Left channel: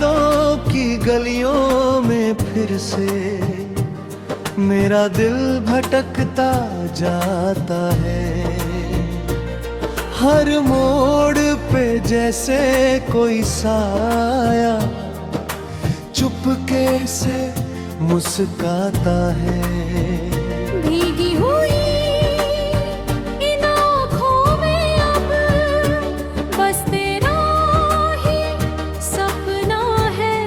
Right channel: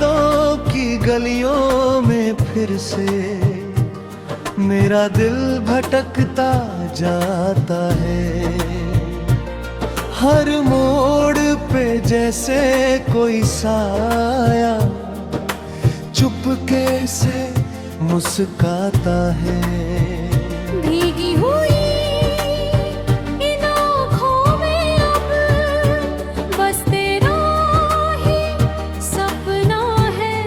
यादों की गलियों में फिर से मेरा दिल भटकता जाता है। हर मोड़ पे जैसे कोई साया चुपके से मुस्काता है। भीगी हुई इन आँखों में अब बस तेरा ही सपना है।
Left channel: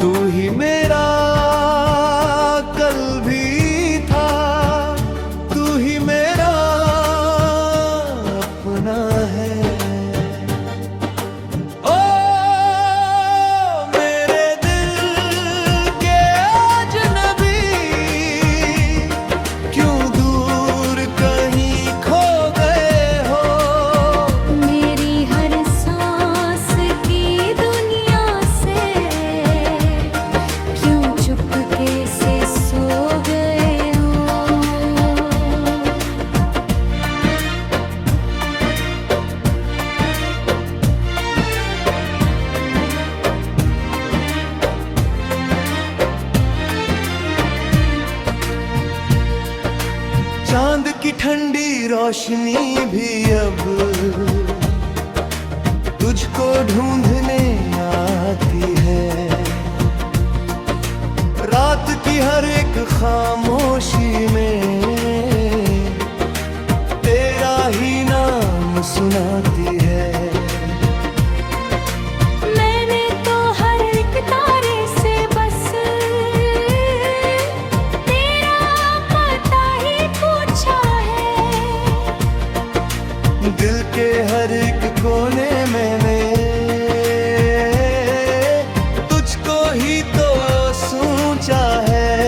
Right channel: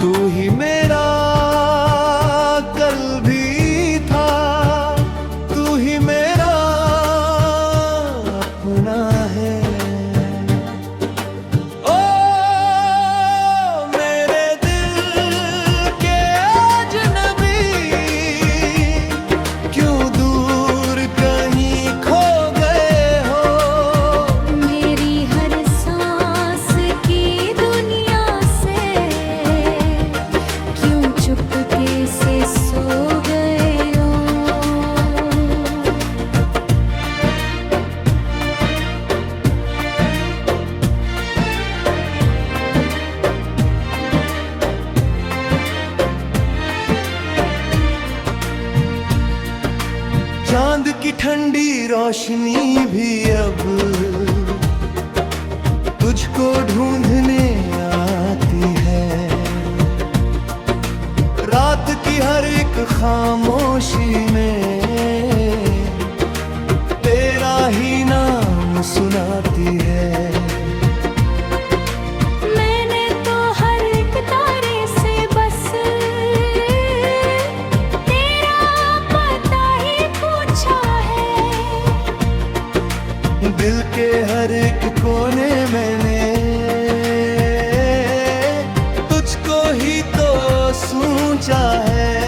तू ही मेरा कल भी था, तू ही मेरा अपना है। ओ मेरे दिल के अजनबी, क्यों दूर कहीं खो गए हो। मेरी हर सांस की दुनिया से क्यों चुपके से सो गए हो। चांद की ठंडी रोशनी भी अब तुझको ढूंढने आती है। रात की हर एक खामोशी में तेरा ही नाम सुनाती है। मैंने तो हर एक तारे से बस तेरा पता ही पूछा है। दिल के हर एक कोने मैंने तुझको ही तो सोचा है।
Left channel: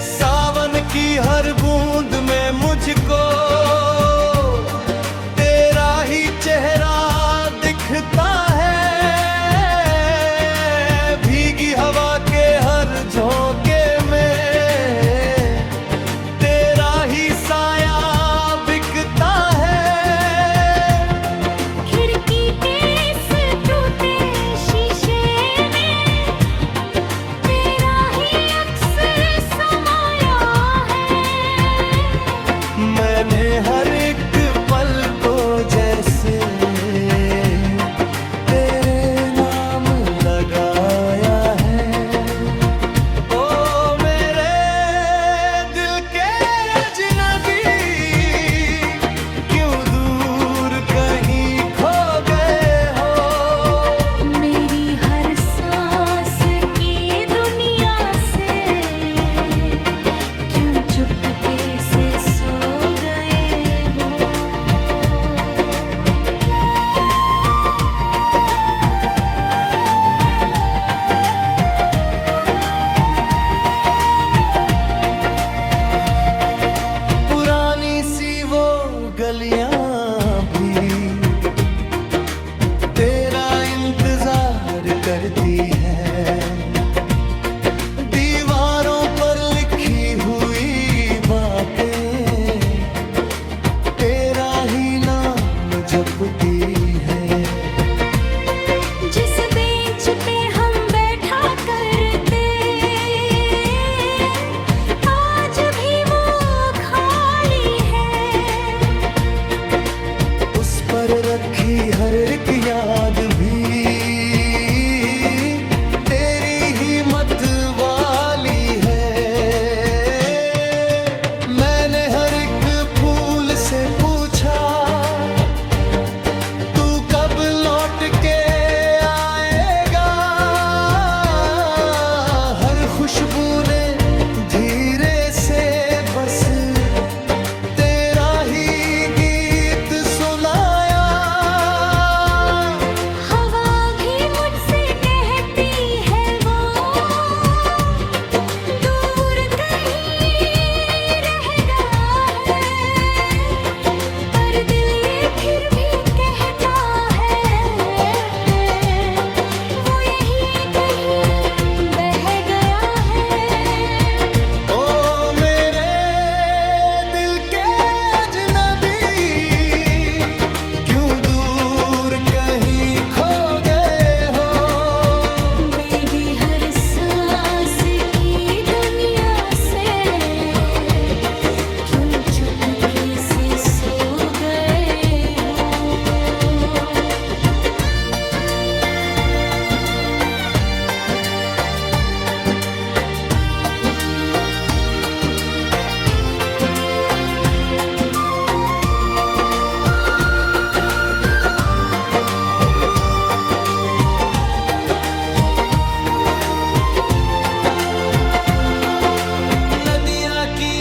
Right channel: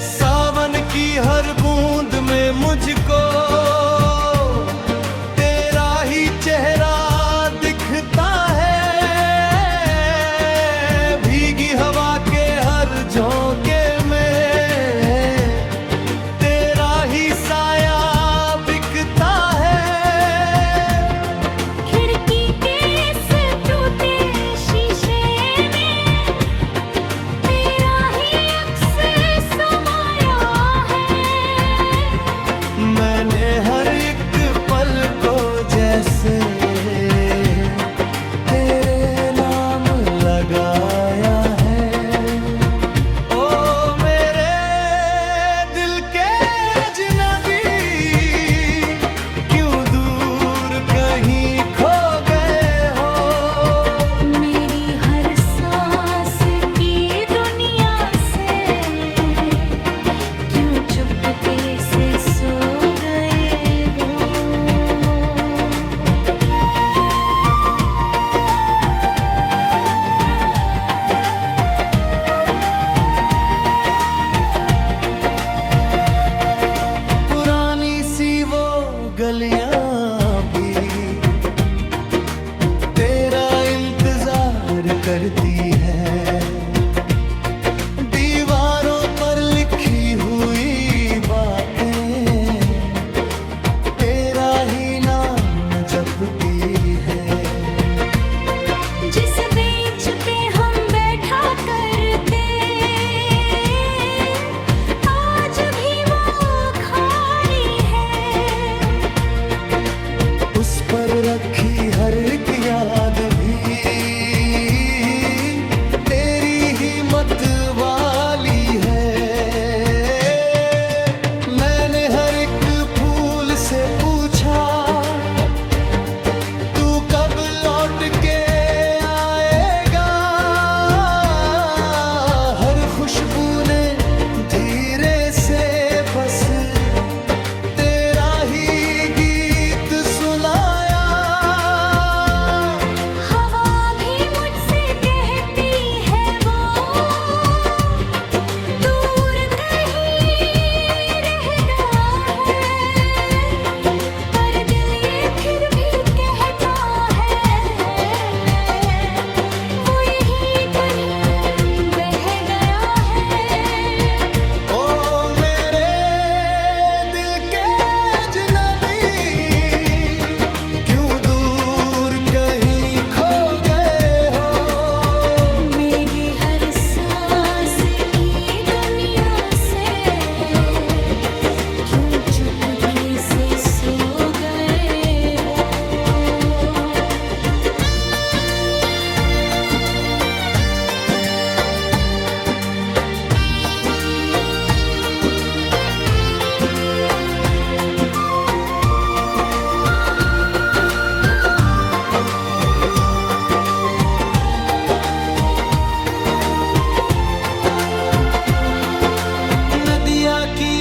सावन की हर बूंद में मुझको तेरा ही चेहरा दिखता है। भीगी हवा के हर झोंके में तेरा ही साया बिकता है। खिड़की के इस टूटे शीशे में तेरा ही अक्स समाया है। मैंने हर एक पल को जैसे तेरे नाम लगाया है। ओ मेरे दिल के अजनबी, क्यों दूर कहीं खो गए हो। मेरी हर सांस की दुनिया से क्यों चुपके से सो गए हो। पुरानी सी वो गलियां भी तेरा इंतजार करती है। दीवारों पर लिखी हुई बातें तेरा ही नाम जपती है। जिस बेंच पे हम बैठा करते आज भी वो खाली है। उस पर रखी हर एक याद भी तेरी ही मत वाली है। मैंने हर एक फूल से पूछा तू कब लौट के आएगा। हर खुशबू ने धीरे से बस तेरा ही गीत सुनाया। हवा भी मुझसे कहती है वो दूर कहीं रह गया है। पर दिल ये फिर भी कहता है वो यहीं कहीं बह गया है। ओ मेरे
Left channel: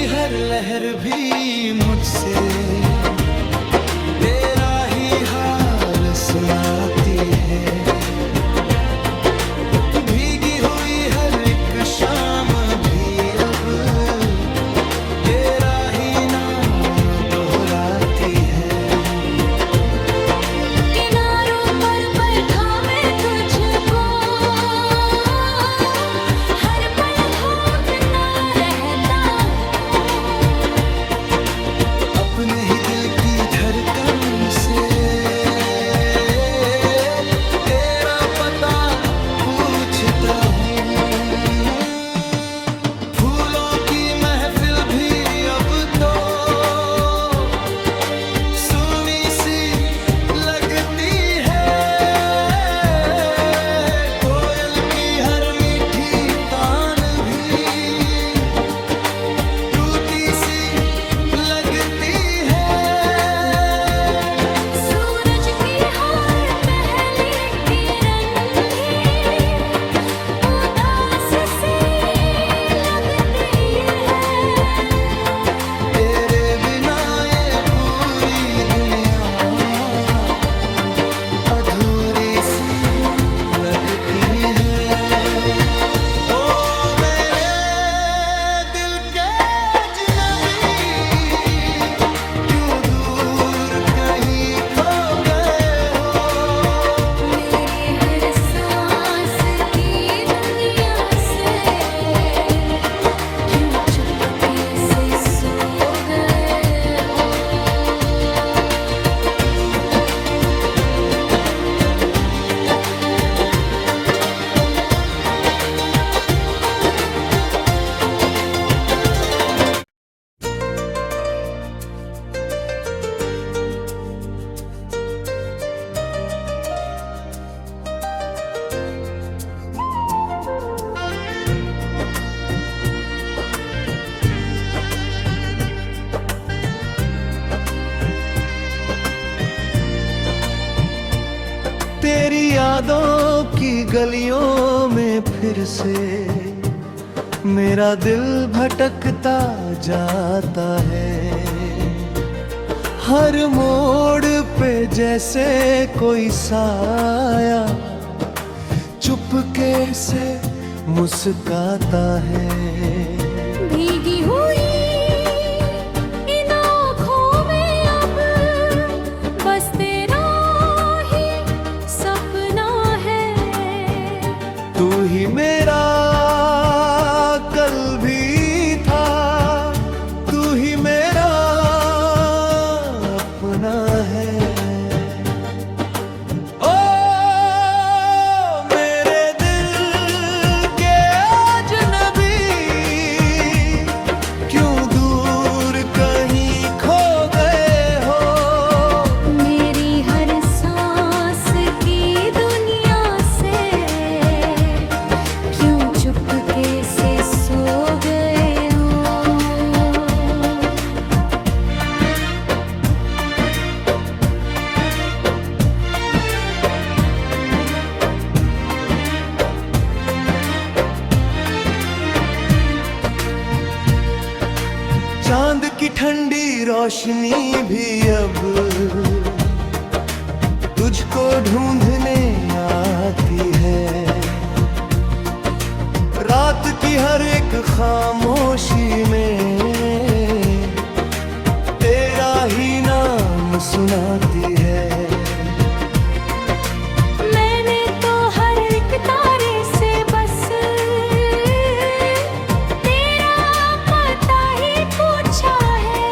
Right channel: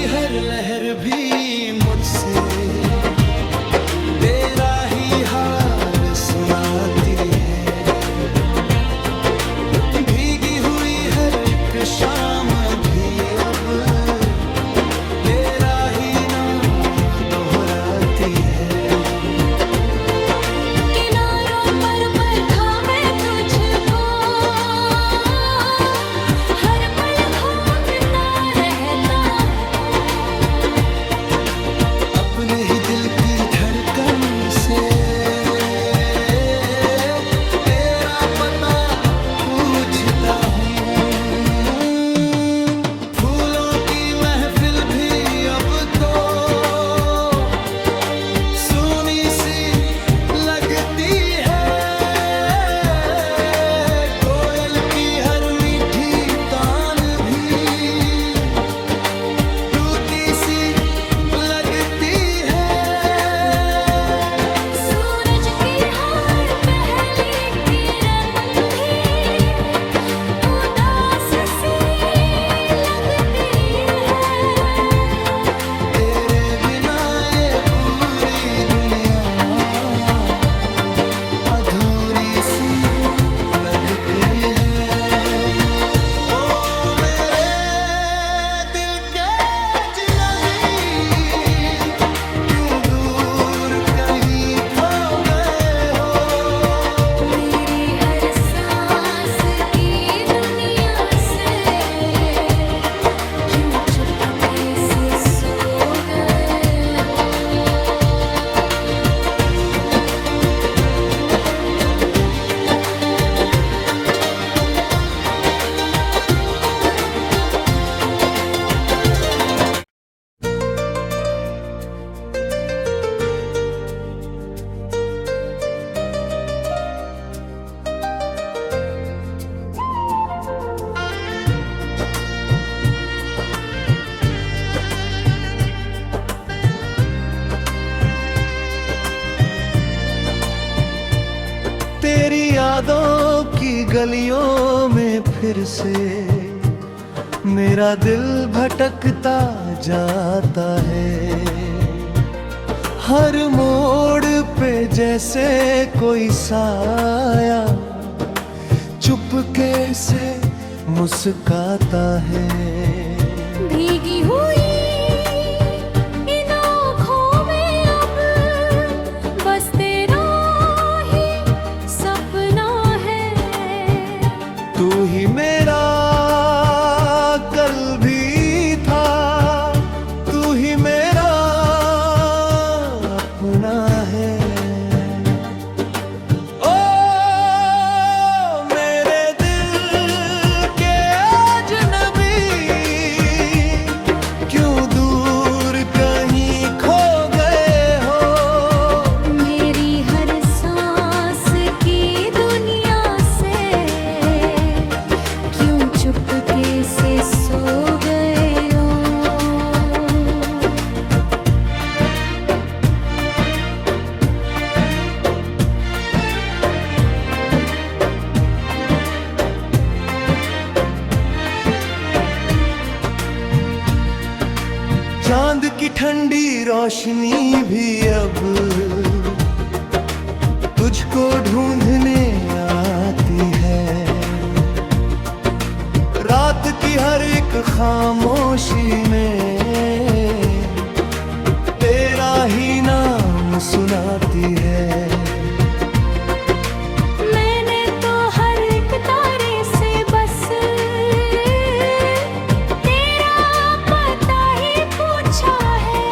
हर लहर भी मुझसे तेरा ही हाल सुनाती है। भीगी हुई हर एक शाम भी अब तेरा ही नाम दोहराती है। किनारों पर था मैं तुझको, हर पल ढूंढता रहता हूँ। अपने ही दिल की धड़कन से तेरा पता पूछता हूँ। फूलों की महफिल भी अब तो सुनी सी लगती है। कोयल की हर मीठी तान भी टूटी सी लगती है। सूरज की हर पहली किरण भी उदास सी लगती है। तेरे बिना ये पूरी दुनिया अधूरी सी लगती है। ओ मेरे दिल के अजनबी, क्यों दूर कहीं खो गए हो। मेरी हर सांस की दुनिया से क्यों चुपके से सो गए हो। तेरी यादों की गलियों में फिर से मेरा दिल भटकता जाता है। हर मोड़ पे जैसे कोई साया चुपके से मुस्काता है। भीगी हुई इन आँखों में अब बस तेरा ही सपना है। तू ही मेरा कल भी था, तू ही मेरा अपना है। ओ मेरे दिल के अजनबी, क्यों दूर कहीं खो गए हो। मेरी हर सांस की दुनिया से क्यों चुपके से सो गए हो। चांद की ठंडी रोशनी भी अब तुझको ढूंढने आती है। रात की हर एक खामोशी में तेरा ही नाम सुनाती है। मैंने तो हर एक तारे से बस तेरा पता ही पूछा है।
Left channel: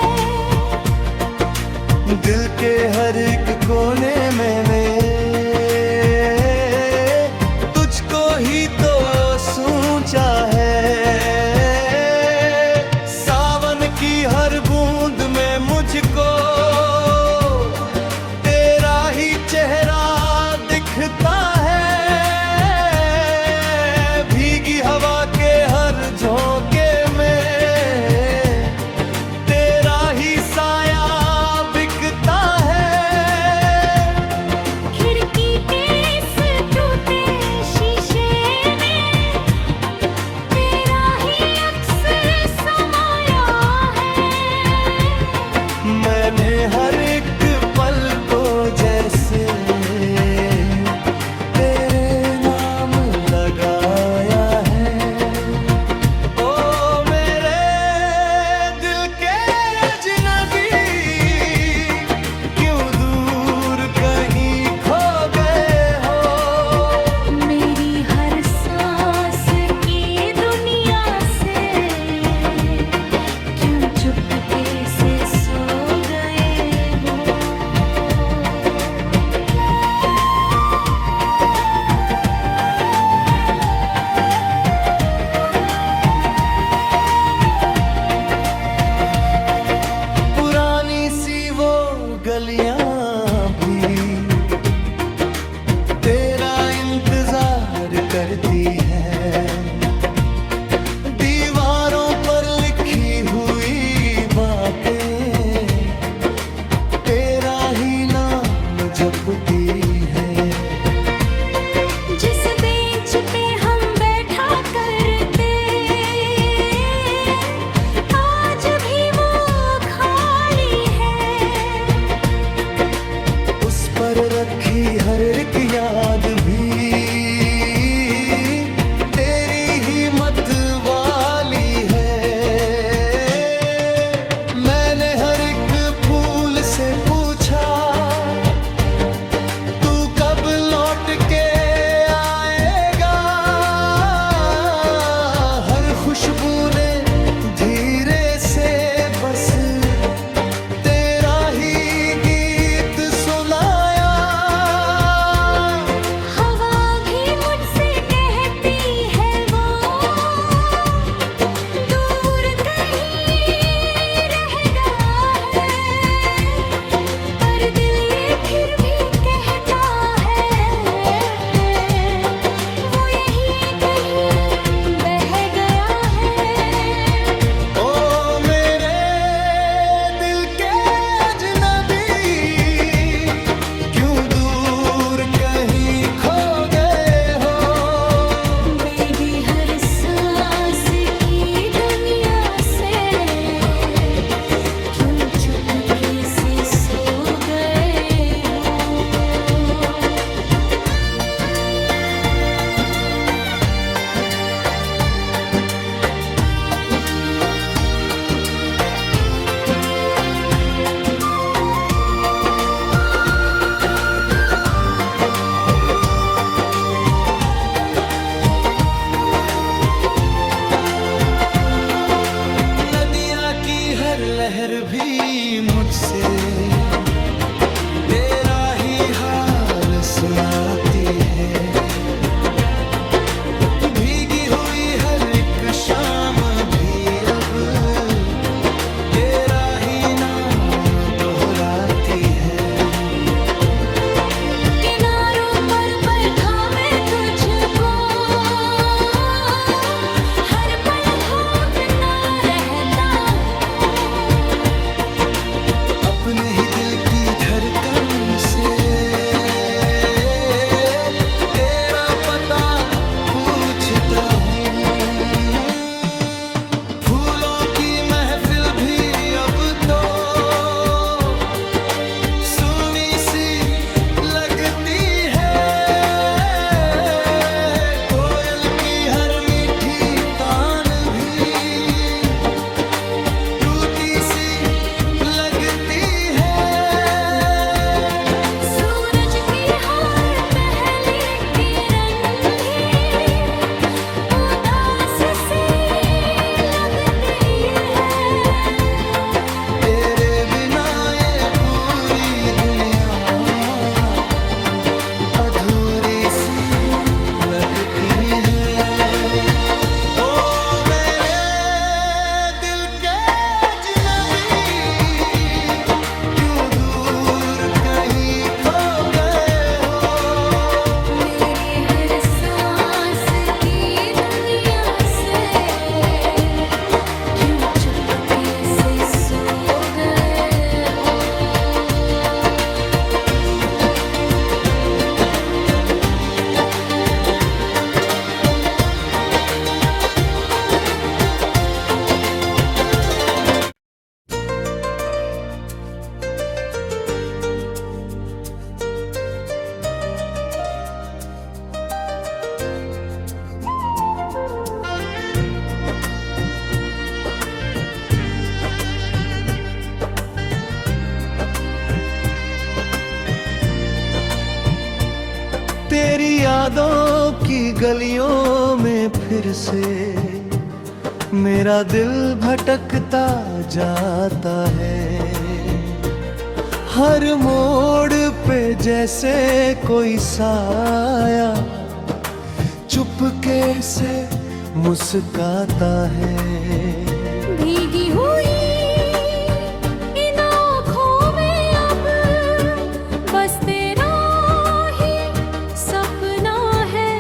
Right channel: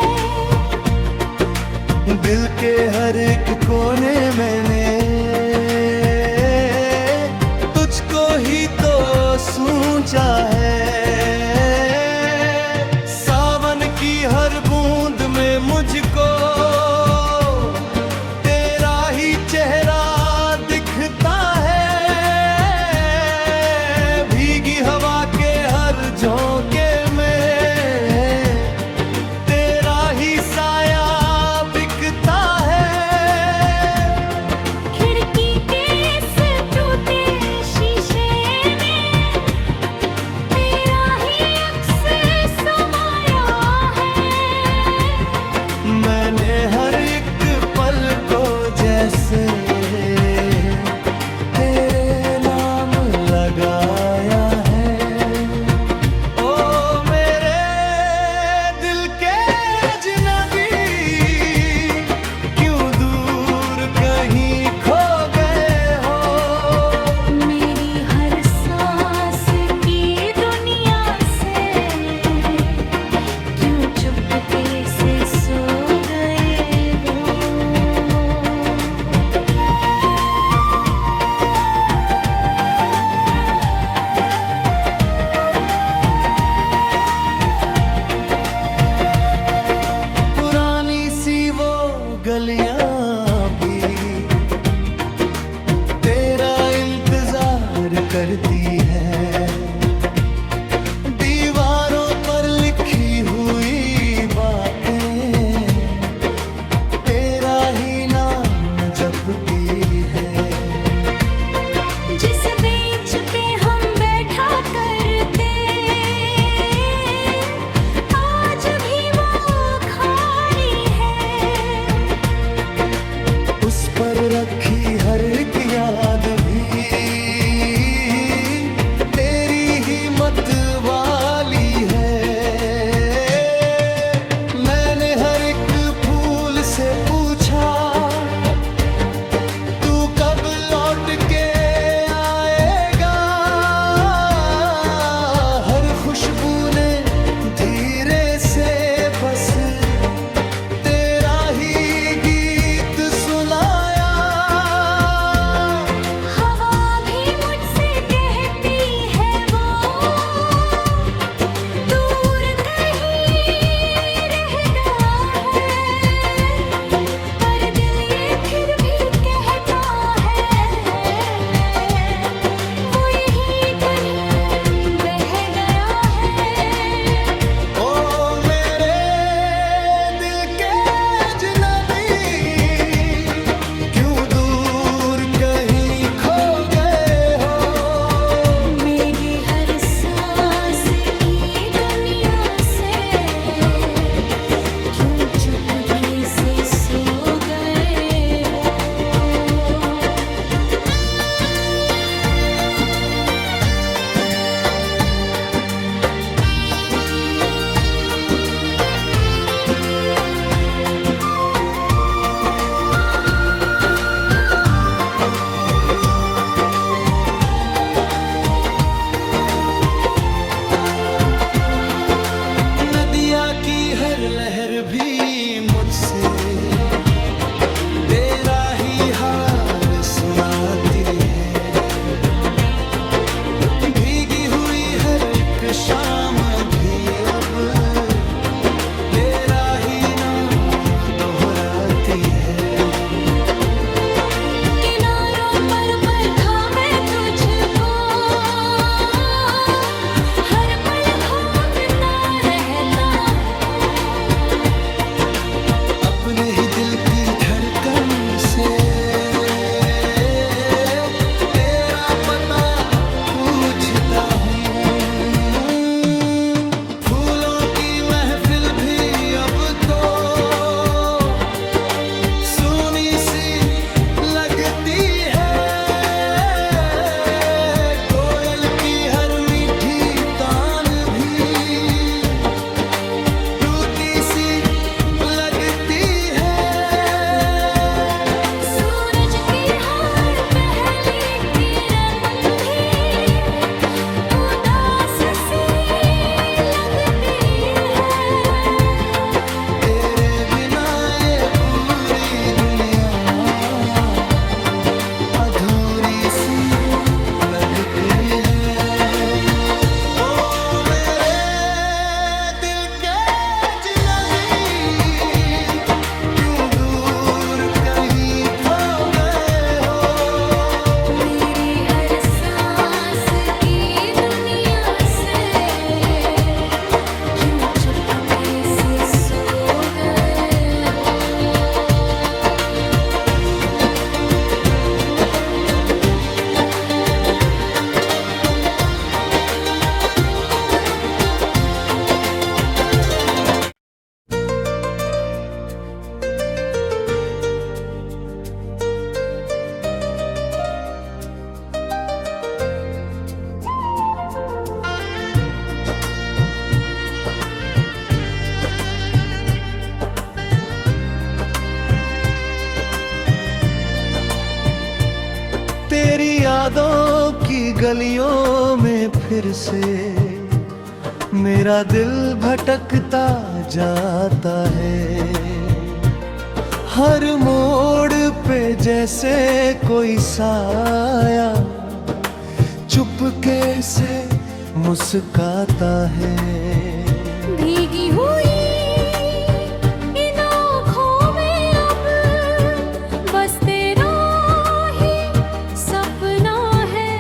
दिल के हर एक कोने मैंने तुझको ही तो सोचा है। सावन की हर बूंद में मुझको तेरा ही चेहरा दिखता है। भीगी हवा के हर झोंके में तेरा ही साया बिकता है। खिड़की के इस टूटे शीशे में तेरा ही अक्स समाया हर एक पल को जैसे तेरे नाम लगाया है। ओ मेरे दिल के अजनबी, क्यों दूर कहीं खो गए हो। मेरी हर सांस की दुनिया से क्यों चुपके से सो गए हो। पुरानी सी वो गलियां भी तेरा इंतजार करती है। दीवारों पर लिखी हुई बातें तेरा ही नाम जपती है। जिस बेंच पे हम बैठा करते आज भी वो खाली है। उस पर रखी हर एक याद भी तेरी ही मत वाली है। मैंने हर एक फूल से पूछा तू कब लौट के आएगा। हर खुशबू ने धीरे से बस तेरा ही गीत सुनाया। हवा भी मुझसे कहती है वो दूर कहीं रह गया है। पर दिल ये फिर भी कहता है वो यहीं कहीं बह गया है। ओ मेरे दिल के अजनबी, क्यों दूर कहीं खो गए हो। मेरी हर सांस की दुनिया से क्यों चुपके से सो गए हो। नदिया की हर लहर भी मुझसे तेरा ही हाल सुनाती है। भीगी हुई हर एक शाम भी अब तेरा ही नाम दोहराती है। किनारों पर थामे तुझको हर पल घूमता रहता हूँ। अपने ही दिल की धड़कन से तेरा पता पूछता हूँ। फूलों की महफिल भी अब तो सुनी सी लगती है। कोयल की हर मीठी तान भी टूटी सी लगती है। सूरज की हर पहली किरण भी उदास सी लगती है। तेरे बिना ये पूरी दुनिया अधूरी सी लगती है। ओ मेरे दिल के अजनबी, क्यों दूर कहीं खो गए हो। मेरी हर सांस की दुनिया से क्यों चुपके से सो गए हो। यादों की गलियों में फिर से मेरा दिल भटकता जाता है। हर मोड़ पे जैसे कोई साया चुपके से मुस्काता है। भीगी हुई इन आँखों में अब बस तेरा ही सपना है।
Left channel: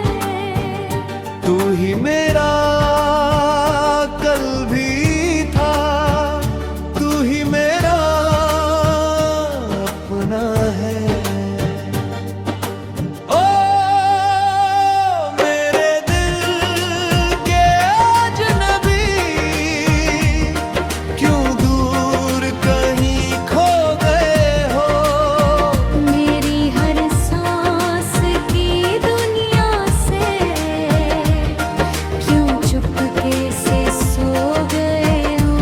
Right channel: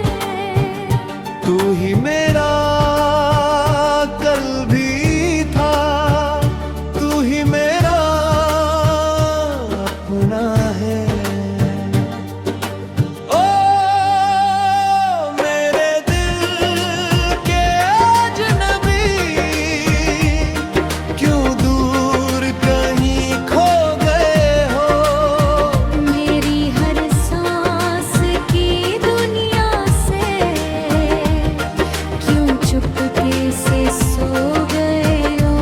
तू ही मेरा कल भी था, तू ही मेरा अपना है। ओ मेरे दिल के अजनबी, क्यों दूर कहीं खो गए हो। मेरी हर सांस की दुनिया से क्यों चुपके से सो गए हो।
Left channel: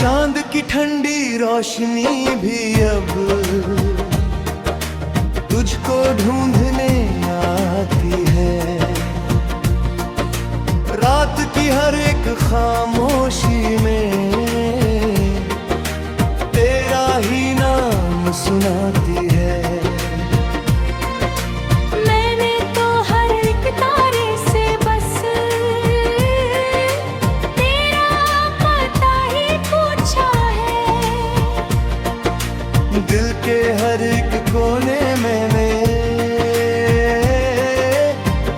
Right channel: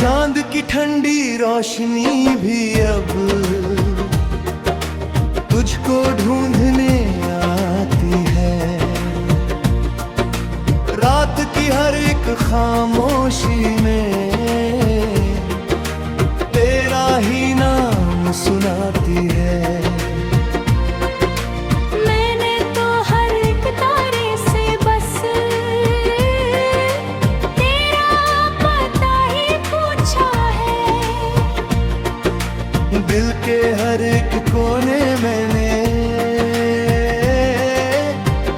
चांद की ठंडी रोशनी भी अब तुझको ढूंढने आती है। रात की हर एक खामोशी में तेरा ही नाम सुनाती है। मैंने तो हर एक तारे से बस तेरा पता ही पूछा है। दिल के हर एक कोने मैंने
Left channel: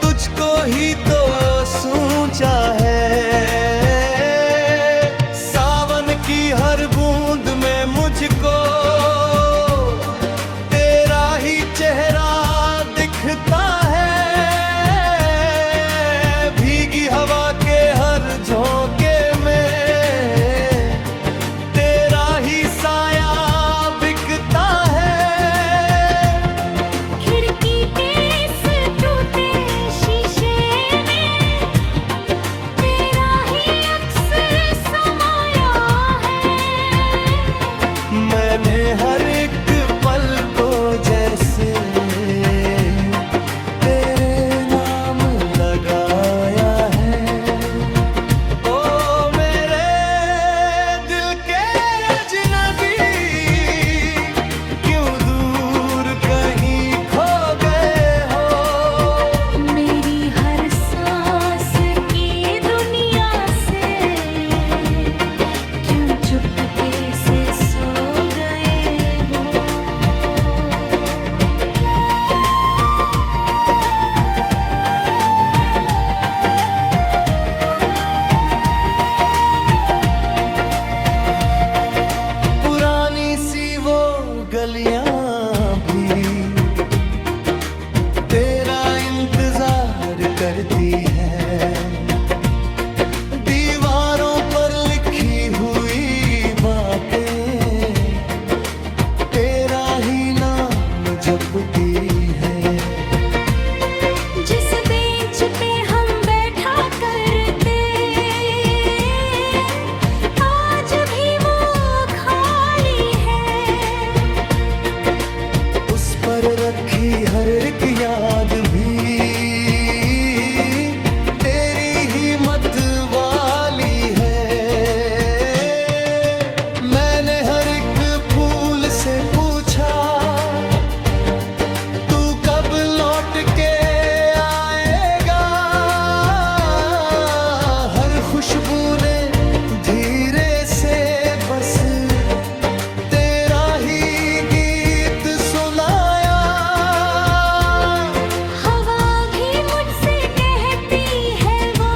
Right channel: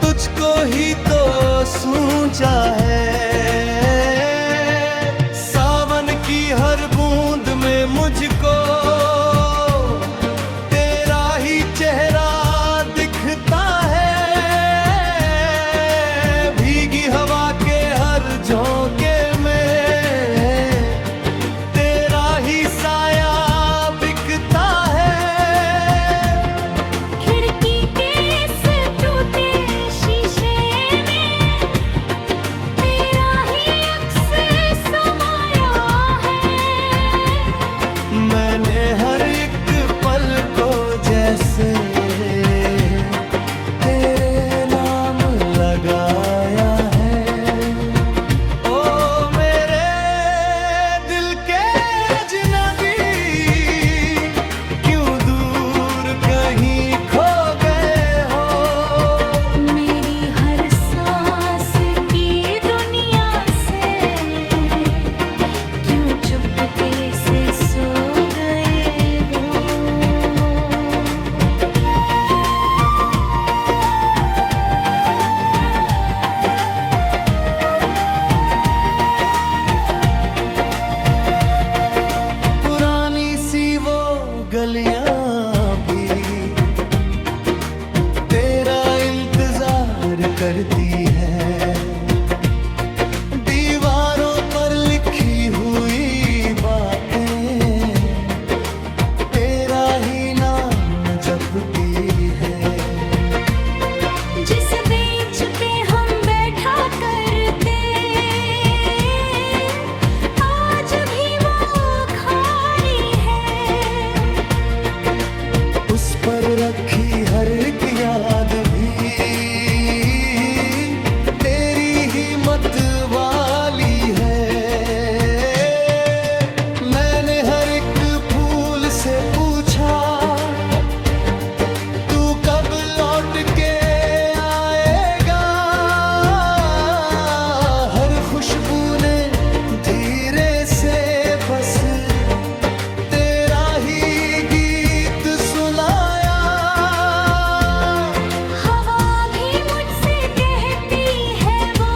तुझको ही तो सोचा है। सावन की हर बूंद में मुझको तेरा ही चेहरा दिखता है। भीगी हवा के हर झोंके में तेरा ही साया बिकता है। खिड़की के इस टूटे शीशे में तेरा ही अक्स समाया है। मैंने हर एक पल को जैसे तेरे नाम लगाया है। ओ मेरे दिल के अजनबी, क्यों दूर कहीं खो गए हो। मेरी हर सांस की दुनिया से क्यों चुपके से सो गए हो। पुरानी सी वो गलियां भी तेरा इंतजार करती है। दीवारों पर लिखी हुई बातें तेरा ही नाम जपती है। जिस बेंच पे हम बैठा करते आज भी वो खाली है। उस पर रखी हर एक याद भी तेरी ही मत वाली है। मैंने हर एक फूल से पूछा तू कब लौट के आएगा। हर खुशबू ने धीरे से बस तेरा ही गीत सुनाया। हवा भी मुझसे कहती है वो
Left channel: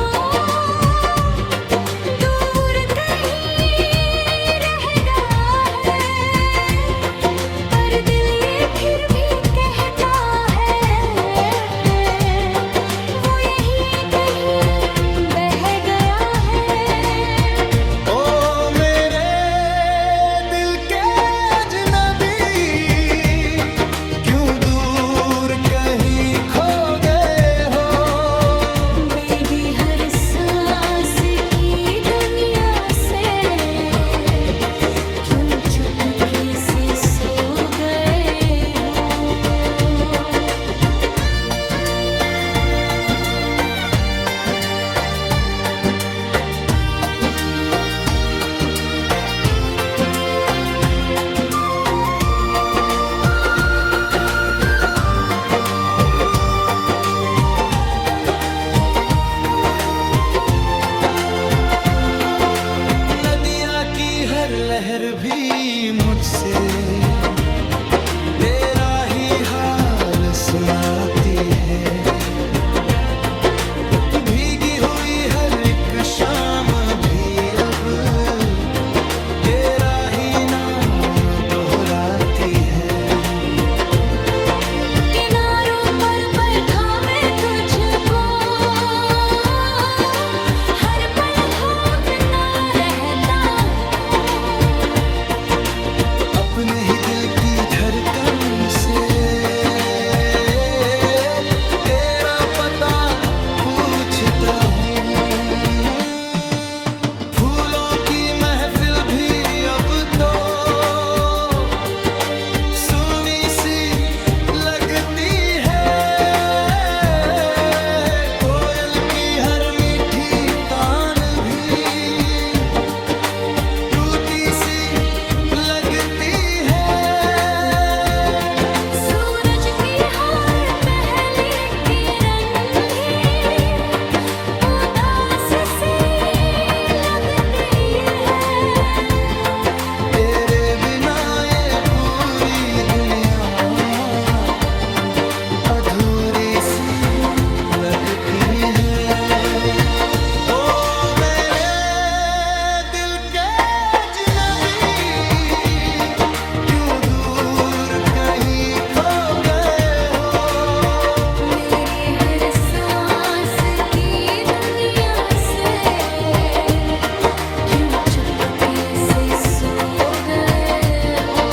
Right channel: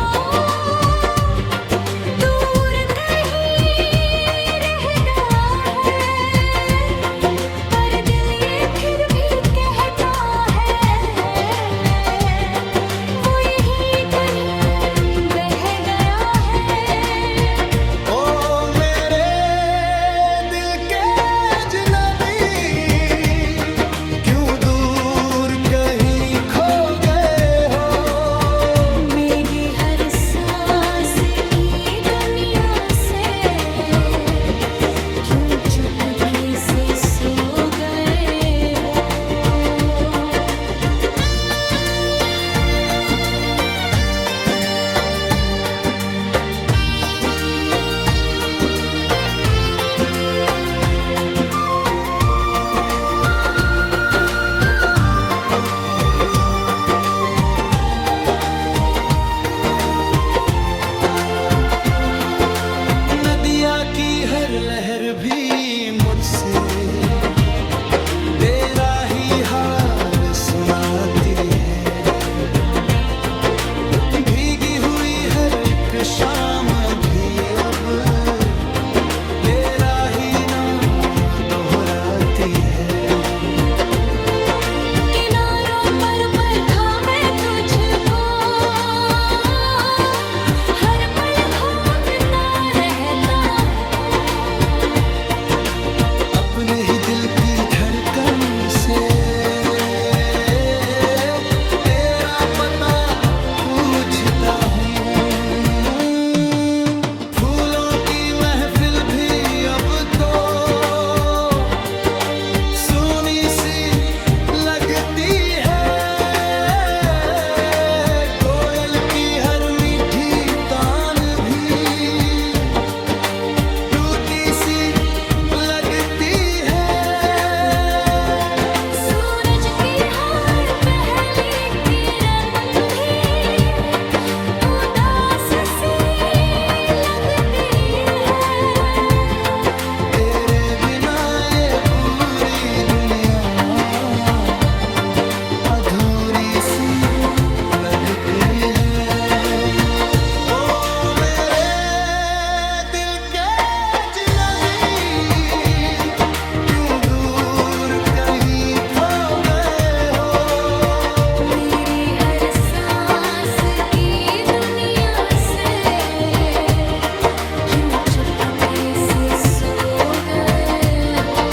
दूर कहीं रह गया है। पर दिल ये फिर भी कहता है वो यही कहीं बह गया है। ओ मेरे से सो गए हो। नदिया की हर लहर भी मुझसे तेरा ही हाल सुनाती है। भीगी हुई हर एक शाम भी अब तेरा ही नाम दोहराती है। किनारों पर था मैं तुझको, हर पल ढूंढता रहता हूँ। अपने ही दिल की धड़कन से तेरा पता पूछता हूँ। फूलों की महफिल भी अब तो सूनी सी लगती है। कोयल की हर मीठी तान भी टूटी सी लगती है। सूरज की हर पहली किरण भी उदास सी लगती है। तेरे बिना ये पूरी दुनिया अधूरी सी लगती है। ओ मेरे दिल के अजनबी, क्यों दूर कहीं खो गए हो। मेरी हर सांस की दुनिया से क्यों चुपके से सो गए हो।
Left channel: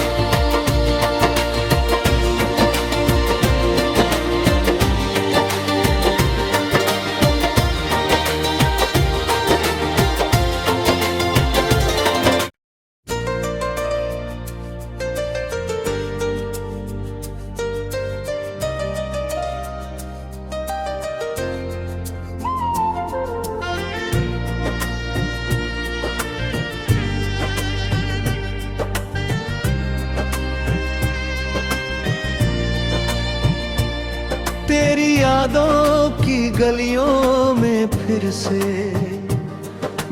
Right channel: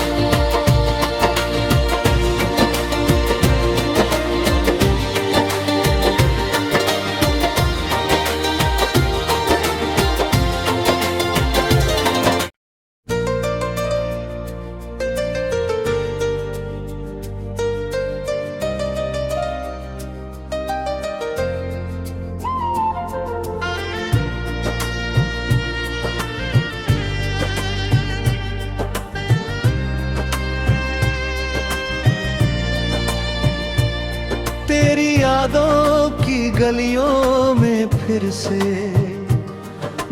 तेरी यादों की गलियों में फिर से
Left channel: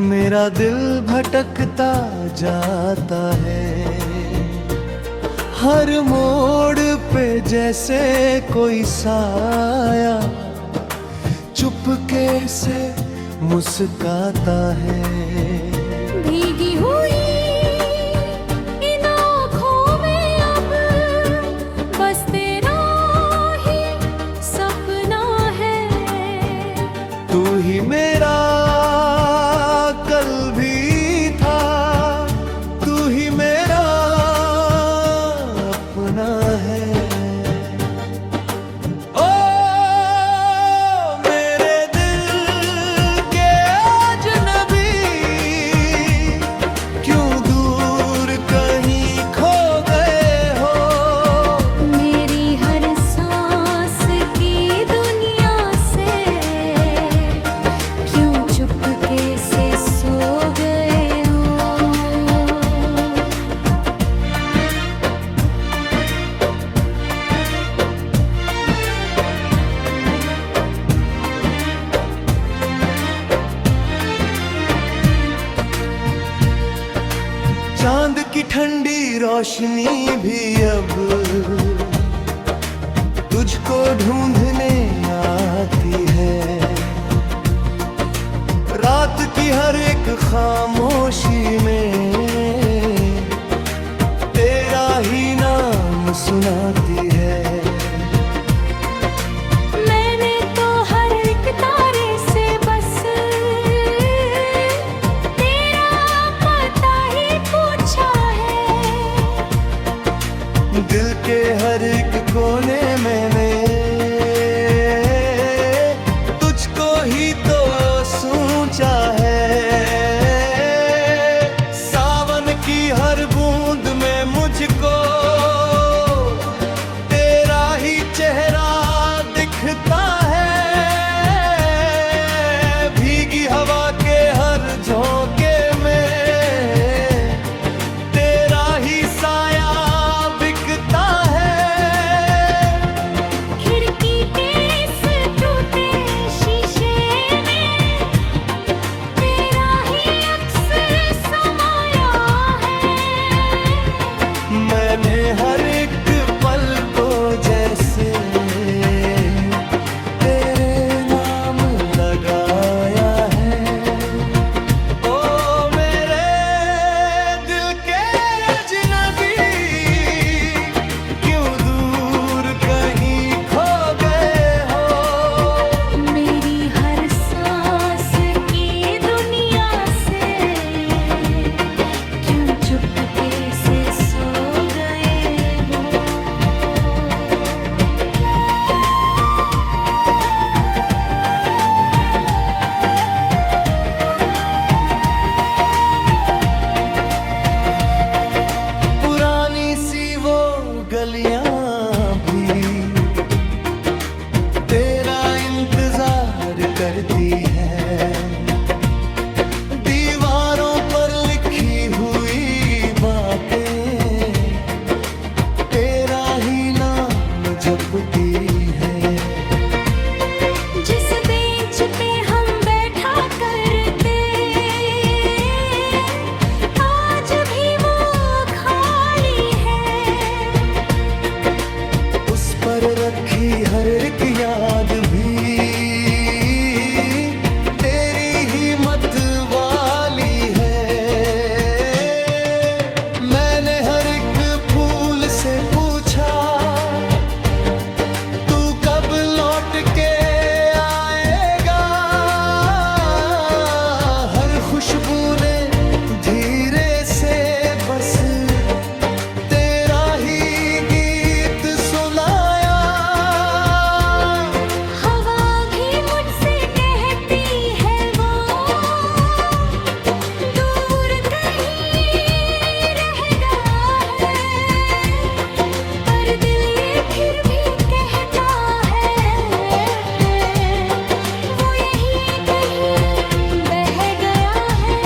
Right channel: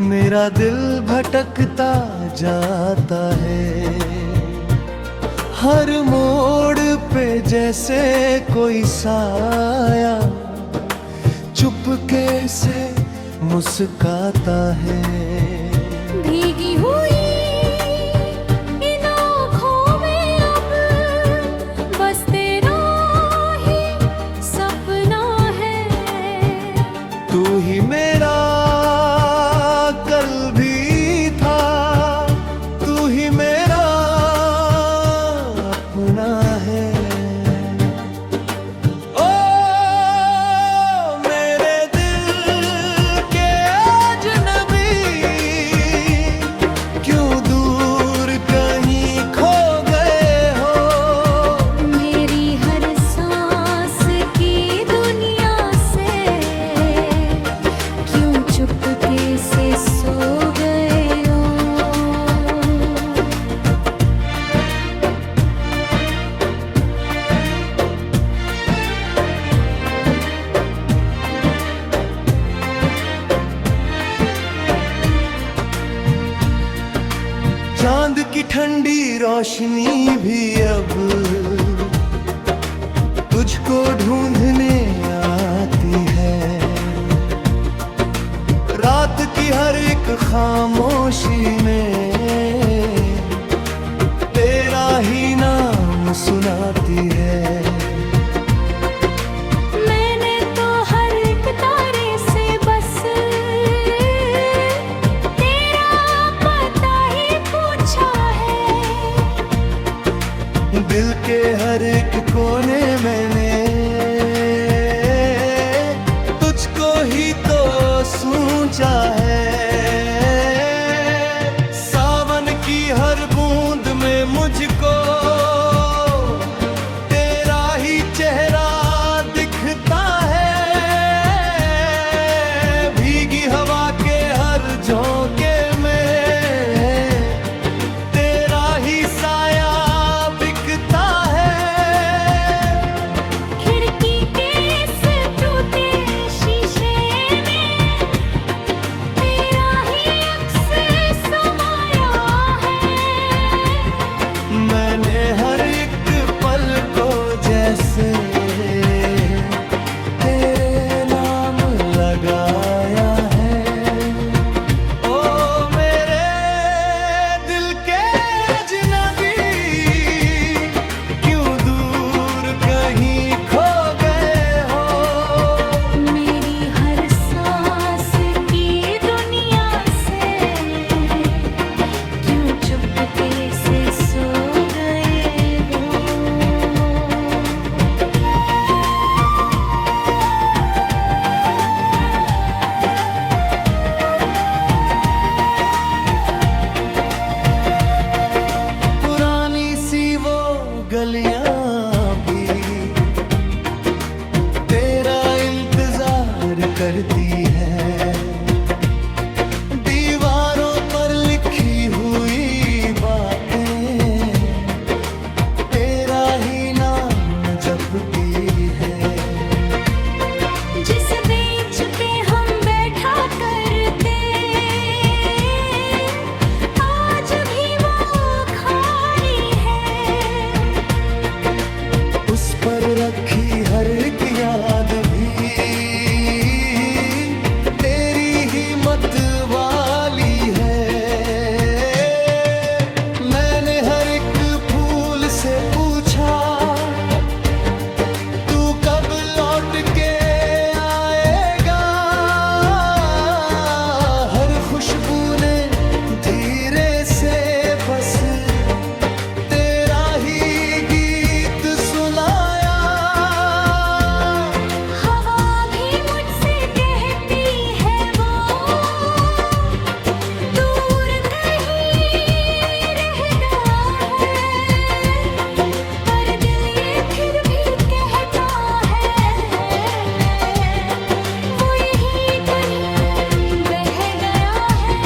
मेरा दिल भटकता जाता है। हर मोड़ पे जैसे कोई साया चुपके से मुस्काता है। भीगी हुई इन आँखों में अब बस तेरा ही सपना है। तू ही मेरा कल भी था, तू ही मेरा अपना है। ओ मेरे दिल के अजनबी, क्यों दूर कहीं खो गए हो। मेरी हर सांस की दुनिया से क्यों चुपके से सो गए हो। चांद की ठंडी रोशनी भी अब तुझको ढूंढने आती है। रात की हर एक खामोशी में तेरा ही नाम सुनाती है। मैंने तो हर एक तारे से बस तेरा पता ही पूछा है। दिल के हर एक कोने मैंने तुझको ही तो सोचा है। सावन की हर बूंद में मुझको तेरा ही चेहरा दिखता है। भीगी हवा के हर झोंके में तेरा ही साया बिकता है। खिड़की के इस टूटे शीशे में तेरा ही अक्स समाया है। मैंने हर एक पल को जैसे तेरे नाम लगाया है। ओ मेरे दिल के अजनबी, क्यों दूर कहीं खो गए हो। मेरी हर सांस की दुनिया से क्यों चुपके से सो गए हो। पुरानी सी वो गलियां भी तेरा इंतजार करती है। दीवारों पर लिखी हुई बातें तेरा ही नाम जपती है। जिस बेंच पे हम बैठा करते आज भी वो खाली है। उस पर रखी हर एक याद भी तेरी ही मत वाली है। मैंने हर एक फूल से पूछा तू कब लौट के आएगा। हर खुशबू ने धीरे से बस तेरा ही गीत सुनाया। हवा भी मुझसे कहती है वो दूर कहीं रह गया है। पर दिल ये फिर भी कहता है वो यहीं कहीं बह गया है।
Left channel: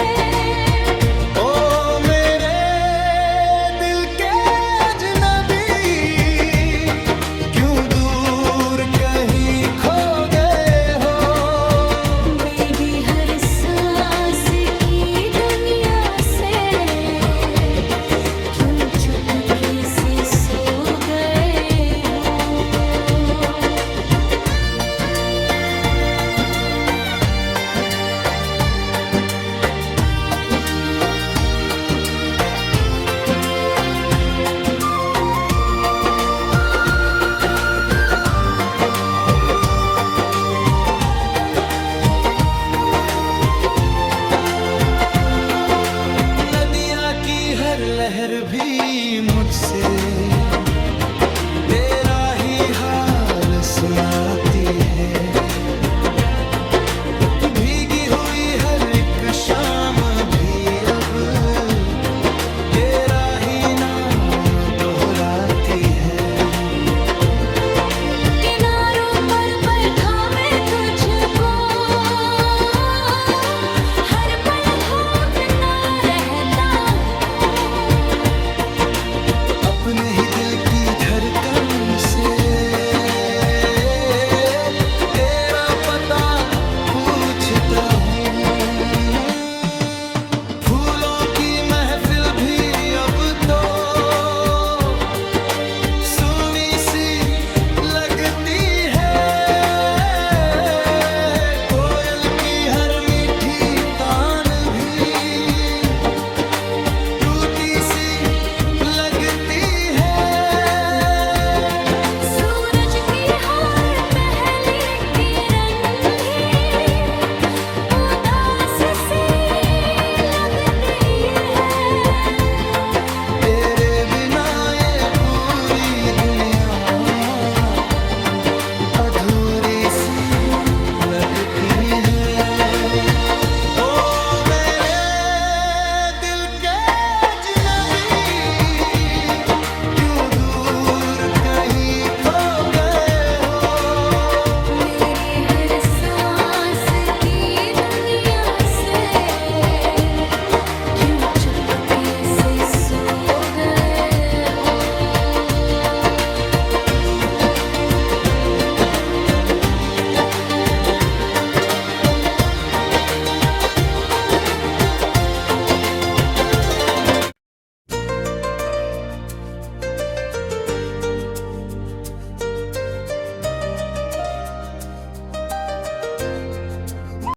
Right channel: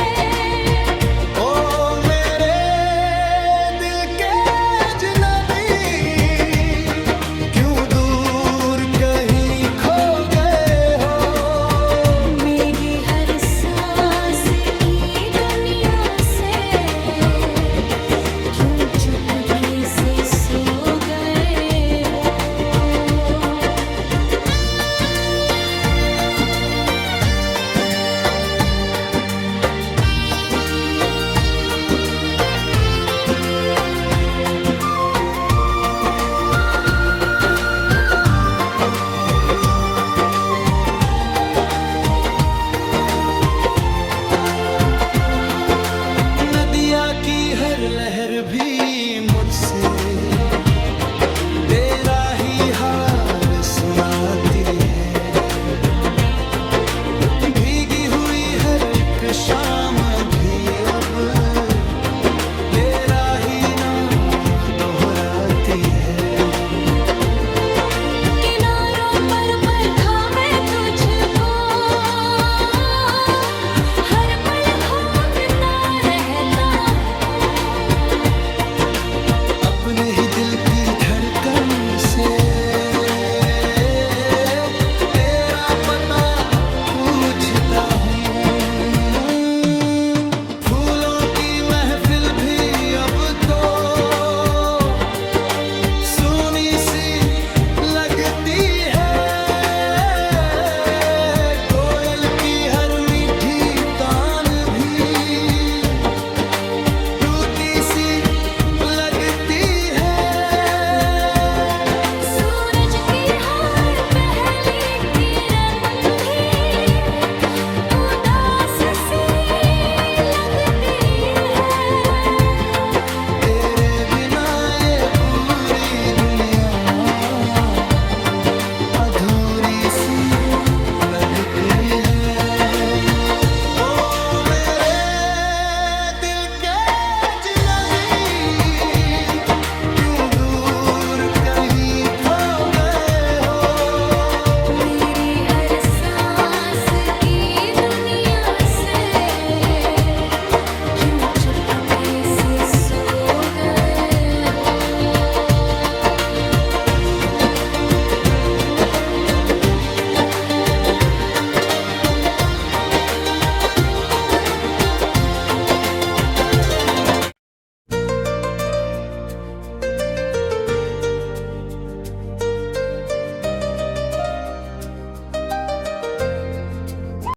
ओ मेरे दिल के अजनबी, क्यों दूर कहीं खो गए हो। मेरी हर सांस की दुनिया से क्यों चुपके से सो गए हो। नदिया की हर लहर भी मुझसे तेरा ही हाल सुनाती है। भीगी हुई हर एक शाम भी अब तेरा ही नाम दोहराती है। किनारों पर थामे तुझको हर पल घूमता रहता हूँ। अपने ही दिल की धड़कन से तेरा पता पूछता हूँ। फूलों की महफिल भी अब तो सुनी सी लगती है। कोयल की हर मीठी तान भी टूटी सी लगती है। सूरज की हर पहली किरण भी उदास सी लगती है। तेरे बिना ये पूरी दुनिया अधूरी सी लगती है।